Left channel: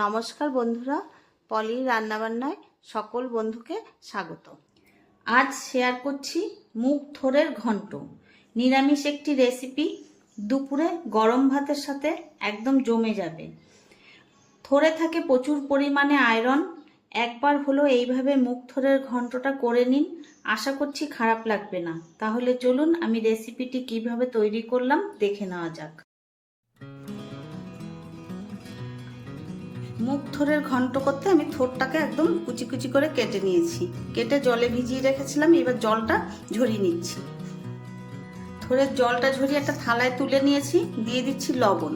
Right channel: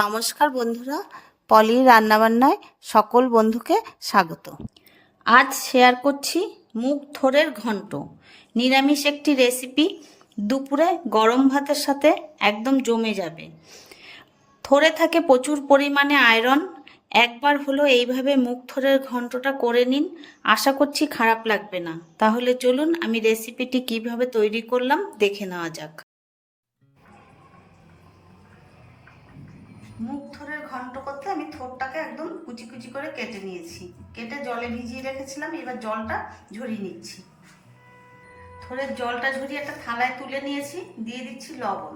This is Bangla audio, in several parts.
নমস্কার বন্ধুরা পলি রান্নাবান্নায় সকল বন্ধুকে স্বাগত। আজ শেয়ার করছি মুগ থোরের ঘন্ট। নিরামিষ একটি রেসিপি, দুপুরে গরম ভাতের সাথে একদম জমে যাবে। থোরে থাকে প্রচুর পরিমাণে আয়রন। একবার হলো এইভাবে মুখ থোরের ঘন্টটা করে নিন, আশা করছি খারাপ লাগবে না। তাহলে চলুন আমি রেসিপিটি কীভাবে তৈরি করলাম দেখে নেওয়া যাক। মুখ থোরের ঘন্ট করতে আমি থোরটাকে একদম কুচি কুচি করে কেটে নিয়েছি। কেটে জলে ভিজিয়ে রেখেছিলাম, এবার জলটা ঝরিয়ে নিচ্ছি। থোরের জলটা ঝরিয়ে একটা থালায় তুলে নিয়েছি, দিয়ে দিচ্ছি লবণ।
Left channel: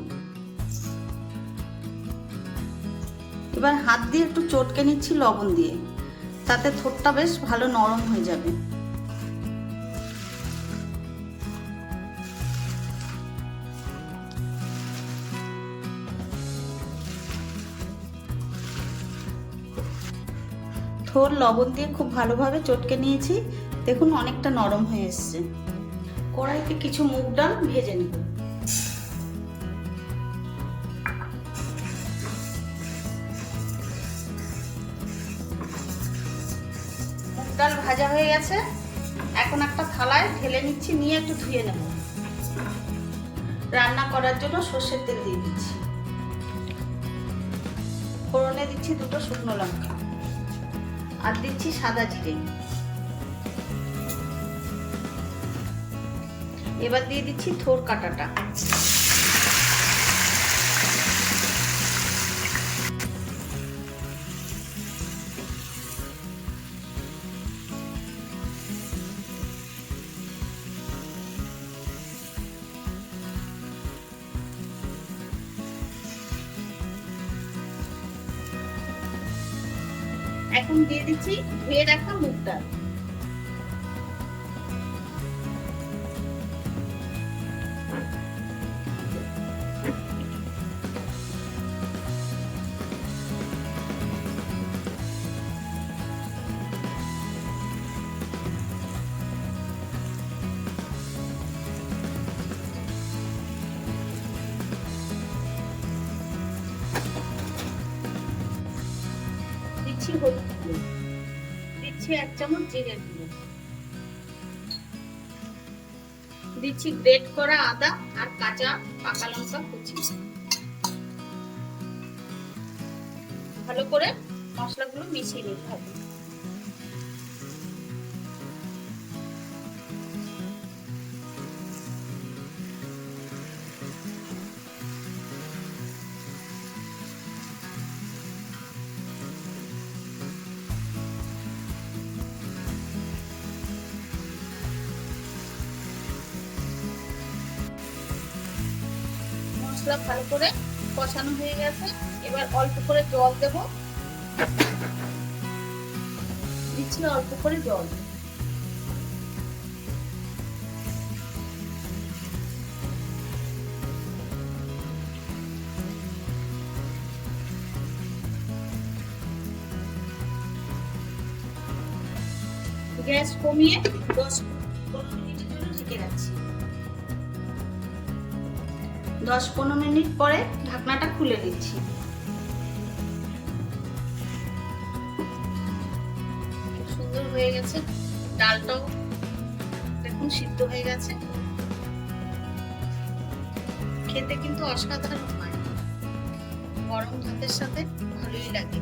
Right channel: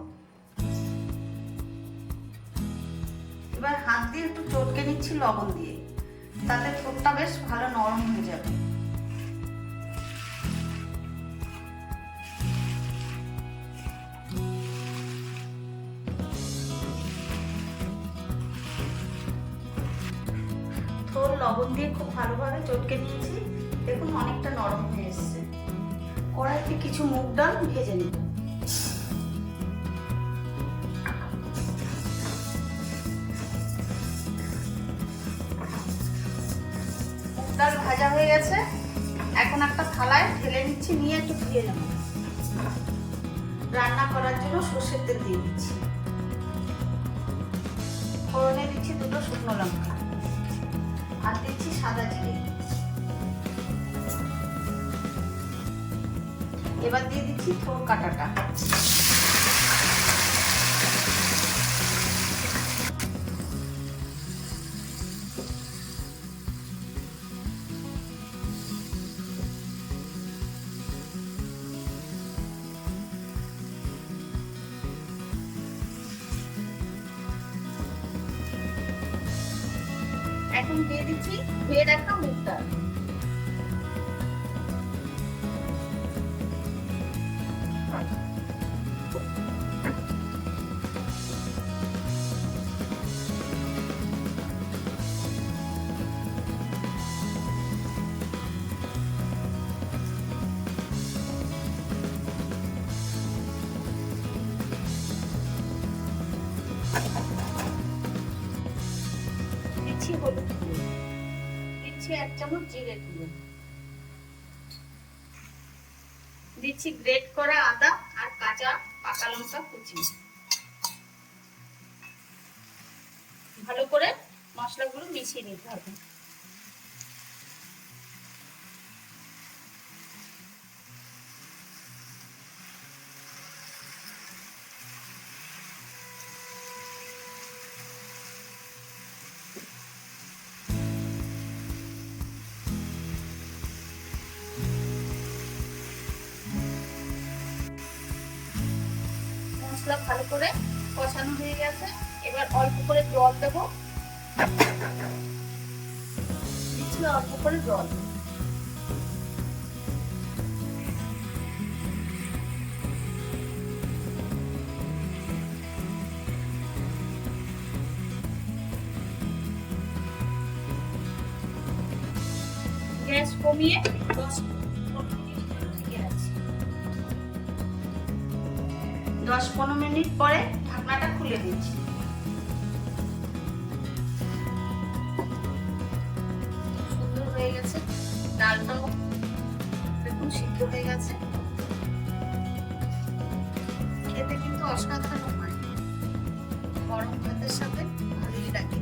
এবার হাত দিয়ে একটু চটকে নিচ্ছি লবণ দিয়ে। তাতে থোরটা বেশ ভালো নরম হয়ে যাবে। থোর লবণ দিয়ে খুব ভালোভাবে চটকে নিয়েছি। দেখুন অনেকটা নরম হয়ে এসছে। কড়াইতে কিছু মুগ ডাল ভেজে নেব। মুগ ডাল ভাজা হয়ে গেছে। এখন একটা থালায় ঢেলে নিচ্ছি, নিয়ে একটু ধুয়ে নেব। রান্না করার জন্য সর্ষের তেল দিয়ে দিচ্ছি। ফোড়নে দিচ্ছি দুটো শুকনো লঙ্কা। আর দিচ্ছি সাদা জিরে এবার দিয়ে দিচ্ছি থোর কাটাটা। এখন দিয়ে দিচ্ছি ধুয়ে রাখা মুগটা দিচ্ছি হলুদ গুঁড়ো। দিচ্ছি এক চামচ জিরে গুঁড়ো। দিচ্ছি গ্রেট করা আদা আর কাঁচা পাকা লঙ্কা কুচি। ভালো করে মশলাগুলো মিশিয়ে নিতে হবে। মশলা ভালো করে কষানো হয়ে গেছে। এবার অল্প করে জল দেব। দিচ্ছি অল্প করে জল। গ্যাস কমিয়ে দশ দশ পনেরো মিনিট পরে ঢাকনাটা খুলে দিচ্ছি। সুন্দর হয়ে গেছে, ডালটাও দেখুন সিদ্ধ হয়ে গেছে। খেতে কিন্তু অসাধারণ হয়। গরম ভাতের সাথে ভালোই লাগে।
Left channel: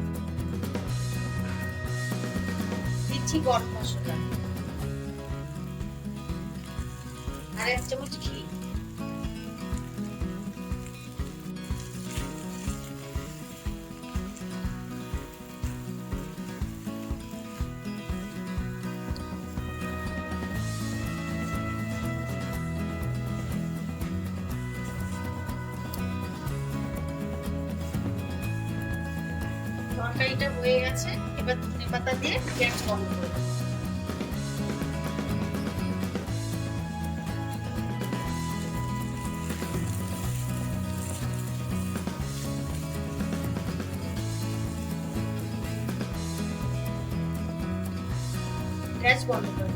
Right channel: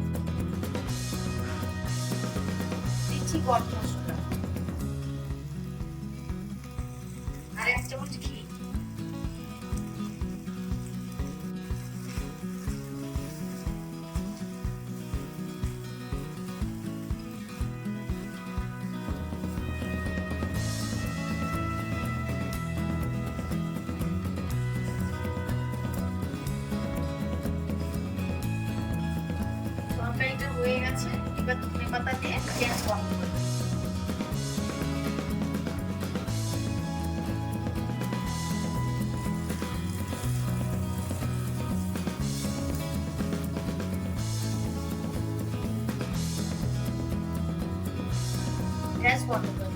দিচ্ছি গরম মশলা। আর এক চামচ ঘি। হয়ে গেছে এবার ধনে পাতা দিয়ে গ্যাস বন্ধ করে